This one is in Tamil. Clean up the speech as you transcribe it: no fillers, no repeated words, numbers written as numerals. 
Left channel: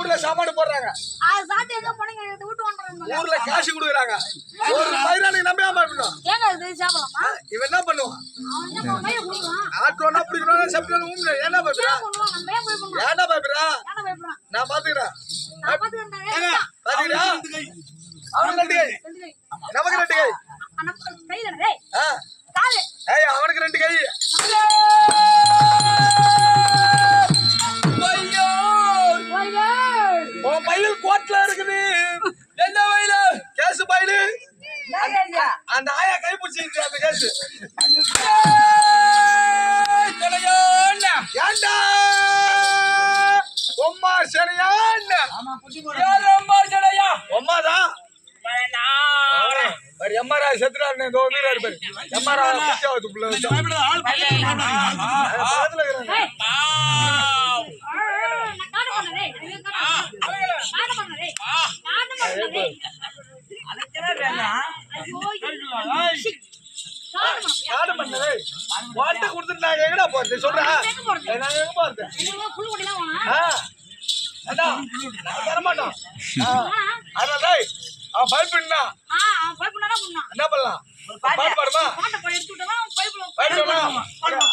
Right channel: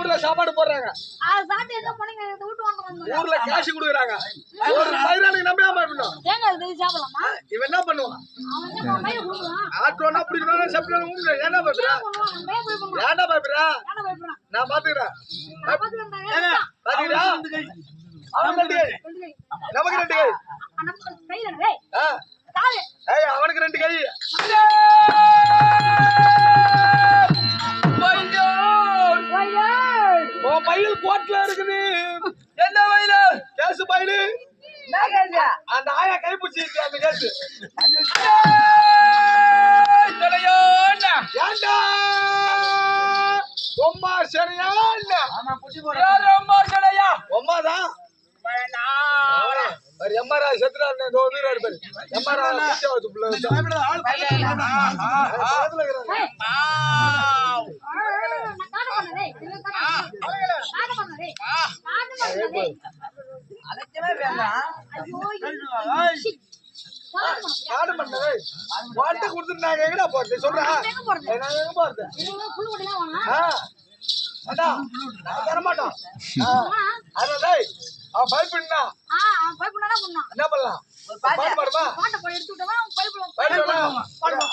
ஊர்ல சாப்பாடு போடுறாங்க. சாத்தி எங்க போனீங்க வீட்டு வாங்குறாங்க. ஊர்ல காசு கொடுக்குறாங்க. ஒரு பையனுக்கு நம்பியாம இருக்கணும். ஏங்க இது சாப்பிடலாமா? இவன் என்ன பண்ணுவான்? அவன் என்ன மயில குடுறான். ஆட்டோனா பிடிக்கணும் சாப்பிடணும் ஊம்ல. என்ன பாக்குறா? நம்ம போய் பண்ணுவோம். ஏன்டா பாக்குறா? ஏன்டா பயப்படுறான்? நான் பாத்துக்கறேன். நான் பாத்துக்கறேன். பாத்துக்கறா? அவனுக்கு 2 கை. நமக்கு 2 கை. நம்ம கையில டேய். காலு. ஏய் அவனுக்கு 2 கை. ஐயோ! ஐயோ! ஓ பையில் கோட்ல இருக்குது. என்ன பையில? கேஸ் பையில. அந்த ஆயா கை பிடிச்சிருச்சு அந்த கேஸ். ஏண்டா ஒம்மா சரியா ஒம்மா சரியா ஒம்மாதான் எம்மாரா செத்துறாரு வீரர் பேரு எம்மாரா காடு பண்ணவே வாட்ட கொடுத்துட்டு நாங்க எங்கடா போறது சொல்றா நாங்க எங்க போறது புல் கொடிலாம் வேணா நான் தரமாட்டோம் அதான் அவன் பயப்படா அவன் பயப்படா பண்ணா என்ன பண்ணலாம் பாட்டு பாடுமா பாட்டை போய் எடுத்து விட்டா பயப்படும் பாடுமா